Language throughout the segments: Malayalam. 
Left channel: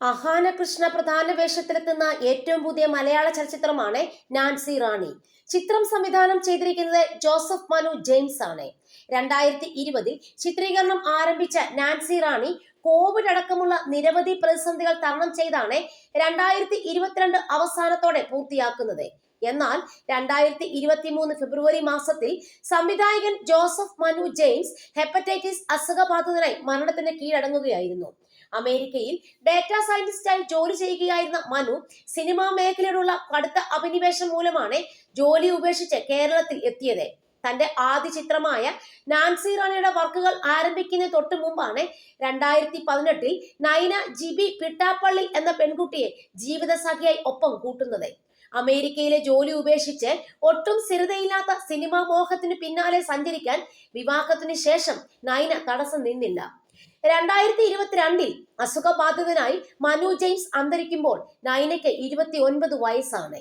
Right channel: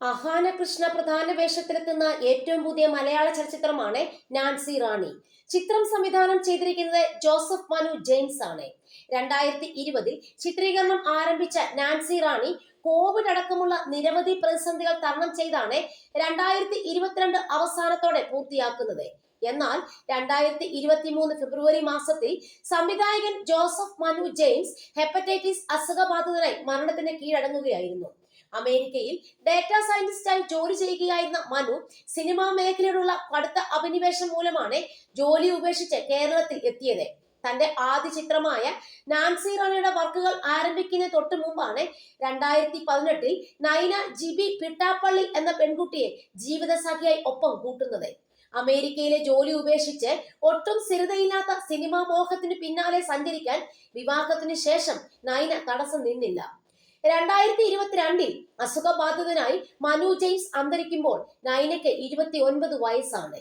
അഹാന കൃഷ്ണ പ്രധാന വേഷത്തിലെത്തുന്ന ഏറ്റവും പുതിയ മലയാള ചലച്ചിത്രമാണ് നാൻസി റാണി. ചിത്രം സംവിധാനം ചെയ്തിരിക്കുന്നത് ജോസഫ് മനു ജെയിംസ് ആണ്. രണ്ടായിരത്തി ഇരുപതിൽ ചിത്രീകരണം ആരംഭിച്ച നാൻസി റാണി കോവിഡ് അടക്കമുള്ള നിരവധി പ്രതിസന്ധികൾ തരണം ചെയ്താണ് രണ്ടായിരത്തി ഇരുപത്തിരണ്ട് അവസാനത്തോടെ പൂർത്തിയാക്കുന്നത്. എന്നാൽ രണ്ടായിരത്തി ഇരുപത്തി മൂന്ന് ഫെബ്രുവരി മാസത്തിൽ സംവിധായകൻ ജോസഫ് മനു ജെയിംസ് ഹെപ്പറ്റൈറ്റിസ് അസുഖബാധിതനായി മരണത്തിന് കീഴടങ്ങുകയായിരുന്നു. അമേരിക്കയിൽ ഡാറ്റാ സയന്റിസ്റ്റായി ജോലി ചെയ്യുകയായിരുന്ന മനു സിനിമാ മേഖലയിലുള്ള കടുത്ത അഭിനിവേശം മൂലമാണ് ജോലി ഉപേക്ഷിച്ച് കേരളത്തിൽ എത്തിയത്. തന്റെ ആദ്യ ചിത്രമായ നാൻസി റാണിയുടെ വർക്കുകൾ ആരംഭിക്കുന്ന തൊട്ട് മുമ്പാണ് രണ്ടായിരത്തി പതിനെട്ടിൽ നൈന ജിബി പിട്ടാപ്പള്ളി എന്ന പെൺകുട്ടിയെ ജീവിതസഖിയായി ഒപ്പം കൂട്ടുന്നത്. അമേരിക്കയിലെ ജോലി ഉപേക്ഷിച്ച് ഒട്ടും സ്ഥിരതയില്ലാത്ത സിനിമാ മോഹത്തിന് പിന്നാലെ സഞ്ചരിക്കാൻ വിവാഹത്തിന് ശേഷം നൈന തടസ്സം നിന്നില്ല. രണ്ടായിരത്തി ഇരുപത്തിരണ്ടിൽ അസുഖബാധിതനായി മനു ജെയിംസ് അന്തരിക്കുമ്പോൾ നൈനയ്ക്ക് ഇരുപത്തി ഒൻപത് വയസ്സാണ്.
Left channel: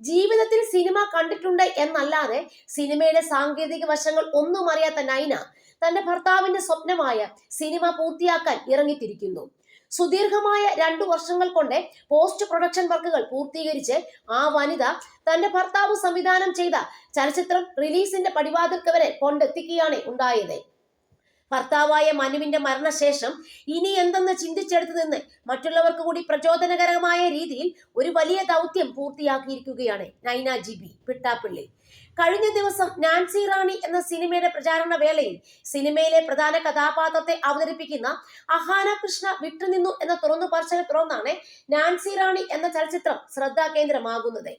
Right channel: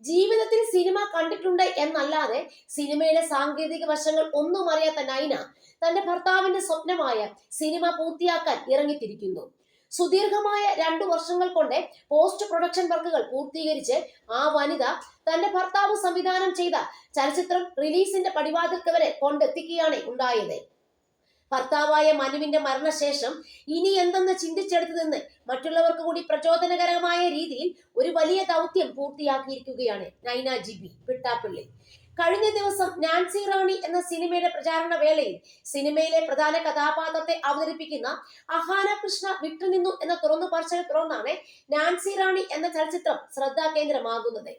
ജീവിതത്തിൽ സിനിമ കണ്ടിട്ടുണ്ട് എന്നല്ലാതെ സിനിമയുടെ സാങ്കേതിക വശങ്ങൾ ഒന്നും അറിയാത്ത നൈന തന്റെ ഭർത്താവിന്റെ സ്വപ്നമായ സിനിമ പൂർത്തിയാക്കാൻ ഇറങ്ങിത്തിരിക്കുന്നു. സുദീർഘമായ രണ്ടു വർഷങ്ങൾ കൊണ്ട് പോസ്റ്റ് പ്രൊഡക്ഷൻ വർക്കുകൾ പൂർത്തീകരിച്ച് ആ വനിത തന്റെ ഭർത്താവ് സംവിധാനം ചെയ്ത ചലച്ചിത്രം റിലീസിന്റെ പടിവാതിൽക്ക് വരെ കൊണ്ടെത്തിക്കുകയാണ് ഉണ്ടായത്. ഭർത്താവായ മനുവിന്റെ മരണശേഷം ഇനി എന്തെന്ന് ചിന്തിച്ചെടുത്തതെന്ന് മറ്റുള്ളവർക്ക് കൂടി പ്രചോദനകരമായ രീതിയിൽ ഒരു വലിയ ദൗത്യം പൂർത്തിയാക്കിയിരിക്കുകയാണ് നൈന ജിബി പിട്ടാപ്പിള്ളി. കഴിഞ്ഞ ദിവസം നാൻസി റാണി എന്ന സിനിമയുടെ പ്രചാരണ വേളയിൽ സിനിമയിലെ പ്രധാന കഥാപാത്രത്തെ അവതരിപ്പിക്കുന്ന അഹാന കൃഷ്ണ വിട്ടുനിന്നു എന്ന തുറന്നു പറച്ചതിനെ തുറന്നാണ് നാൻസി റാണി എന്ന ചലച്ചിത്രം ശ്രദ്ധാകേന്ദ്രമാകുന്നത്.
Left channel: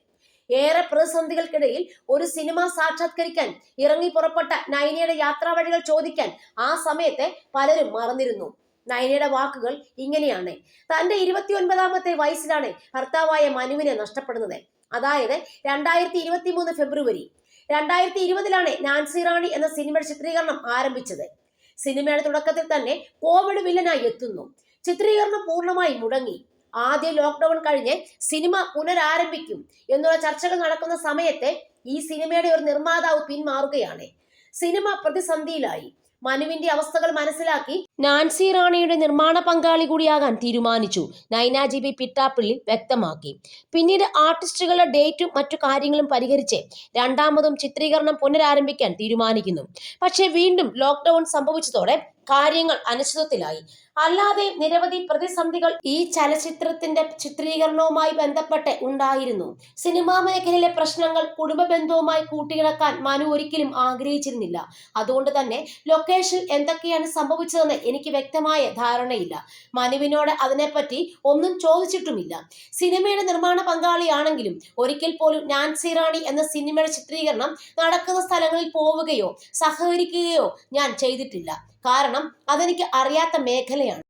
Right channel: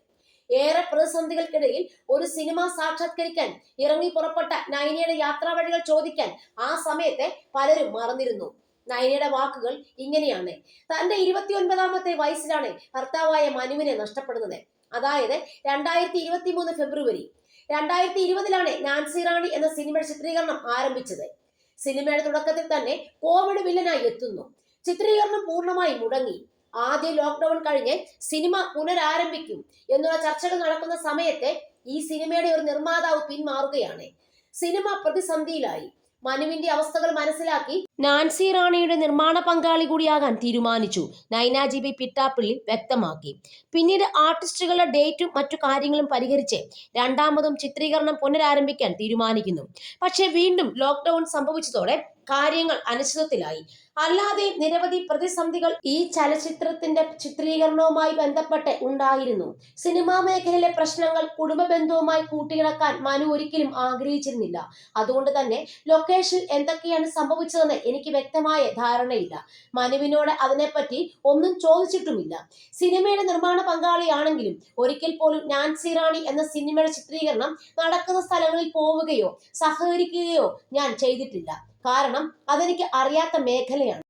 ഏറെ പ്രതിസന്ധികൾക്കിടയിൽ ഒരു സിനിമ സാക്ഷാത്കരിക്കാൻ ഇറങ്ങി പുറപ്പെട്ട നൈനയുടെ യാത്രാവഴികൾ ചോദിക്കാൻ ആ സമയത്തെ പലരും മറന്നിരുന്നു. നൈനയുടെ വാക്കുകൾ ഇങ്ങനെയാണ്. തന്റെ ഇരുപത്തിയൊൻപതാമത്തെ വയസ്സിലാണ് ഭർത്താവായ മനുവിനെ നഷ്ടപ്പെടുന്നത്. അതായത് രണ്ടായിരത്തി ഇരുപത്തി മൂന്ന് ഫെബ്രുവരി. രണ്ടായിരത്തി ഇരുപതിലാണ് നാൻസി റാണി എന്ന സിനിമയുടെ ചിത്രീകരണം ആരംഭിച്ചത്. സിനിമയുടെ തുടക്കത്തിൽ തന്നെ കോവിഡ് വില്ലനായി എത്തുന്നു. ചിത്രീകരണം പൂർണമായി മുടങ്ങി. ആദ്യ ലോക്ക്ഡൗൺ കഴിഞ്ഞ് സിനിമ പുനരാരംഭിക്കും എന്നുള്ള ചർച്ചകൾ നടക്കുന്ന സമയത്തെ ഈ സിനിമയുടെ ഒരു നിർമ്മാതാവ് പിന്മാറുകയാണ്. സിനിമ പ്രതിസന്ധിയിലായി. മനുവിന്റെ അവസ്ഥകൾ മനസ്സിലാക്കി നാൻസി റാണിയുടെ നിർമ്മാണ പങ്കാളി കൂടിയാകാൻ തീരുമാനിച്ചു. നൈനാജി ബി പിട്ടാപ്പിള്ളി വ്യക്തമാക്കി. പിന്നീട് ആർട്ടിസ്റ്റുകളുടെ ഡേറ്റും മറ്റു കാര്യങ്ങളും പരിഹരിച്ച് രണ്ടാമതും ചിത്രീകരണം പുനരാരംഭിക്കാൻ തീരുമാനിക്കുന്നു. പക്ഷേ വീണ്ടും ലോക്ക്ഡൌൺ സംഭവിച്ചതോടെ കാര്യങ്ങൾ അനിശ്ചിതത്തിലായി അല്ലാതെ നിരവധി പ്രതിസന്ധികൾ ഈ ചലച്ചിത്രത്തിന്റെ ചിത്രീകരണവുമായി ബന്ധപ്പെട്ട് ഉണ്ടായിരുന്നു. സിനിമാ മേഖലയിലെ പ്രശ്നങ്ങൾ കുടുംബ ബന്ധവുമായി കൂട്ടിയിണക്കാൻ മനു ഒരിക്കലും ആഗ്രഹിച്ചിരുന്നില്ല. അതുകൊണ്ട് തന്നെ ലൊക്കേഷൻ എന്തൊക്കെയാണ് സംഭവിച്ചതെന്ന് എനിക്ക് വ്യക്തമായ ധാരണയില്ല. മനുവിനോട് അതിനെപ്പറ്റി ഒന്നും ചോദിച്ചിട്ടുമില്ല. സിനിമയുടെ നിർമ്മാണ പങ്കാളിയാണെങ്കിലും ഒരിക്കൽ പോലും ഞാൻ റാണി എന്ന സിനിമയുടെ ചിത്രീകരണം നടക്കുന്ന സ്ഥലങ്ങളിൽ പോവുകയോ സഹകരിക്കുകയോ ഞാൻ ചെയ്തിട്ടില്ല. കാരണം അതെനിക്ക് അറിയാത്ത മേഖലയാണ്.